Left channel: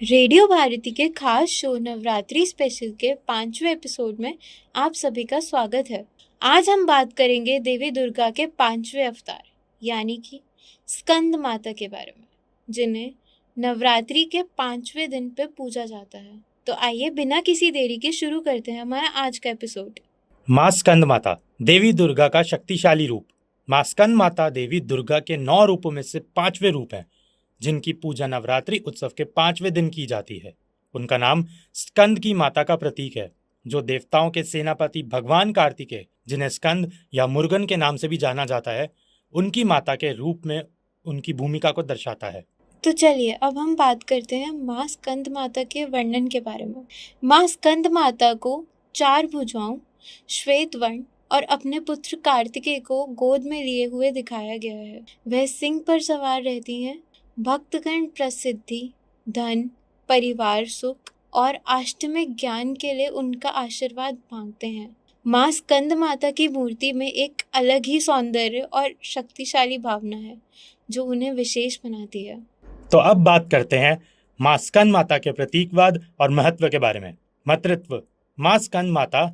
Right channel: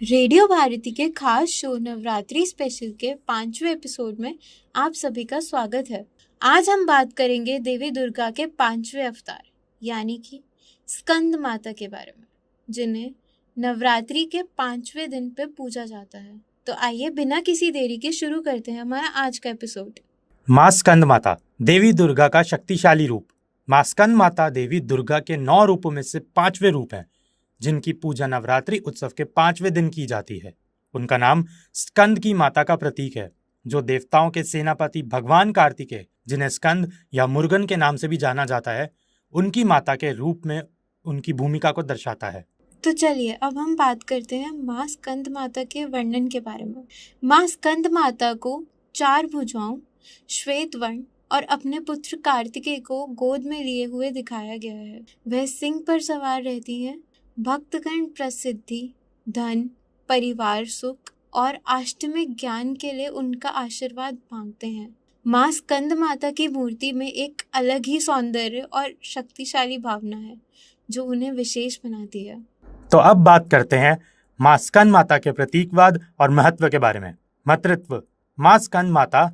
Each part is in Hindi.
रेडियो भारती के खास शो नवरात्रि स्पेशल के 5वें एपिसोड में आप सभी का स्वागत है। आज हम बात करेंगे देवी दुर्गा के 5वें अवतार यानी कि स्कंद माता के बारे में, जिन्हें नवरात्रि के 5वें दिन पे पूजा जाता है। तो आइए बिना किसी देरी के शुरू करते हैं हमारा आज का एपिसोड। माँ स्कंद माता देवी दुर्गा का शक्तिशाली रूप। माँ स्कंद माता देवी दुर्गा के 9 रूपों में से 5वें रूप हैं, जिनकी पूजा नवरात्रि उत्सव के 5वें दिन की जाती है। उनका नाम स्कंद की माता का प्रतीक है, जो देवताओं के सेनापति भगवान कार्तिकेय, जिन्हें स्कंद या मुर्गन के नाम से भी जाना जाता है, उनकी माता के रूप में उनकी भूमिका को दर्शाता है। तो चलिए अब हम बात करते हैं माँ स्कंद माता के वर्णन के बारे में। माँ स्कंद माता को 4 भुजाओं, श्वेत वर्ण और अपने पुत्र कार्तिकेय को गोद में लिए हुए दिखाया गया है। वह सिंह पर सवार रहती हैं। भक्तगण प्रसिद्धि, धन, परिवार सुख और अष्टमिक ज्ञान के लिए उनका आशीर्वाद मांगते हैं। माँ स्कंद माता की मूर्ति में एक अलग ही सौंदर्य और शक्तिशाली भावना है, जो उन्हें विशेष बनाती है। तो अब बात करते हैं माँ स्कंद माता के प्रतीकवाद और महत्व के बारे में। मातृत्व। माँ स्कंद माता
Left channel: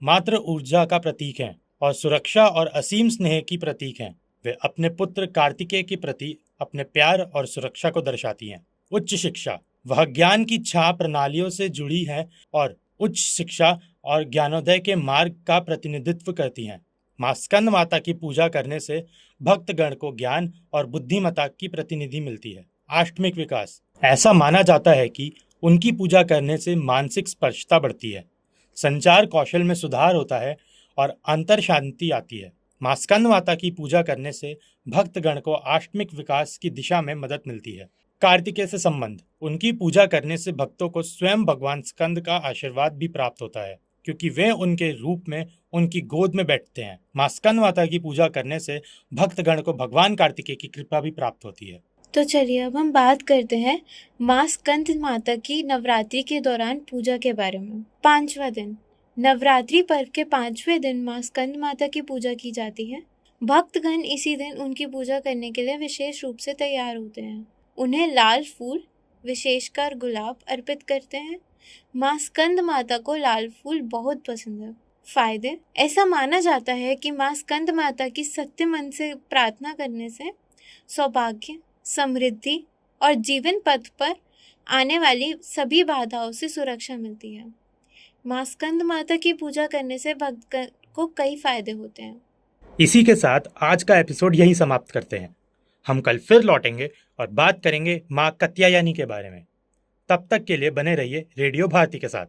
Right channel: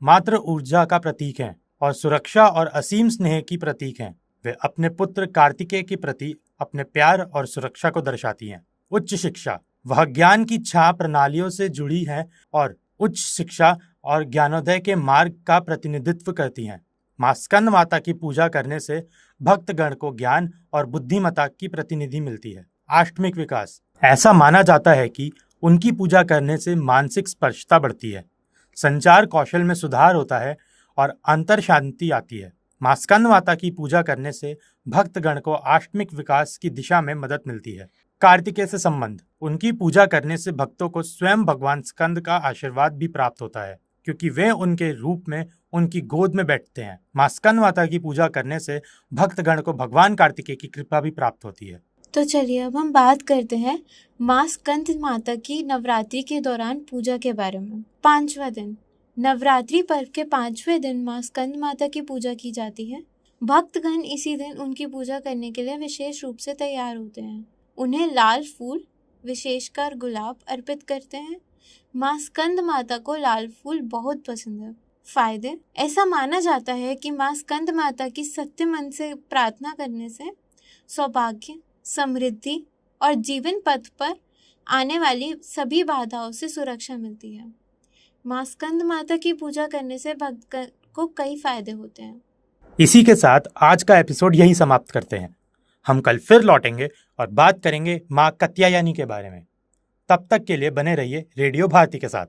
मातृ ऊर्जा का प्रतीक हैं और सुरक्षा और असीम स्नेह की प्रतीक हैं। वे अपने पुत्र कार्तिकेय के प्रति अपने प्यार और सुरक्षा को दर्शाती हैं। उच्च शिक्षा। वह ज्ञान की छह प्रणालियों से जुड़ी है और उच्च शिक्षा और ज्ञानोदय के मार्ग का प्रतिनिधित्व करती हैं। माँ स्कंद माता की पूजा करने से भक्तगण को ज्ञान और बुद्धिमत्ता की प्रतिनिधि मिलती है। आष्टमिक विकास। ऐसा माना जाता है कि उनकी पूजा करने से मानसिक स्पर्शता बढ़ती है, संचार कौशल में सुधार होता है और अंतर शांति आती है। माँ स्कंद माता की पूजा करने से भक्तगण को आष्टमिक विकास की दिशा में मदद मिलती है। कार्तिकेय से संबंध। उनकी पूजा करने से भक्तों को स्वयं भगवान स्कंद का आशीर्वाद भी प्राप्त होता है, क्योंकि वे उनके रूप में उनकी गोद में बैठते हैं। माँ स्कंद माता की पूजा करने से भक्तगण को भगवान कार्तिकेय की कृपा भी प्राप्त होती है। तो चलिए अब हम बात करते हैं माँ स्कंद माता की नवरात्रि के दौरान पूजा के बारे में। 5वां दिन। नवरात्रि पर्व के 5वें दिन माँ स्कंद माता की पूजा की जाती है। भक्तगण इसी दिन उनकी पूजा करने के लिए विशेष रूप से तैयार होते हैं। उन्हें लाल फूल, विशेषकर गुलाब, अर्पित करते हैं। माँ स्कंद माता को लाल फूल बहुत पसंद है। फायदे। ऐसा माना जाता है कि माँ स्कंद माता की सत्य मन से प्रार्थना करने से सौभाग्य, समृद्धि और जीवन पथ पर आने वाली सभी बाधाओं से सुरक्षा मिलती है। माँ स्कंद माता की पूजा करने से भक्त को कई फायदे होते हैं। इसी के साथ आज का एपिसोड यही समाप्त करते हैं। हम कल फिर लौटेंगे और बात करेंगे माँ कात्यायनी के बारे में। तब तक के लिए बने रहिए रेडियो भारती के साथ।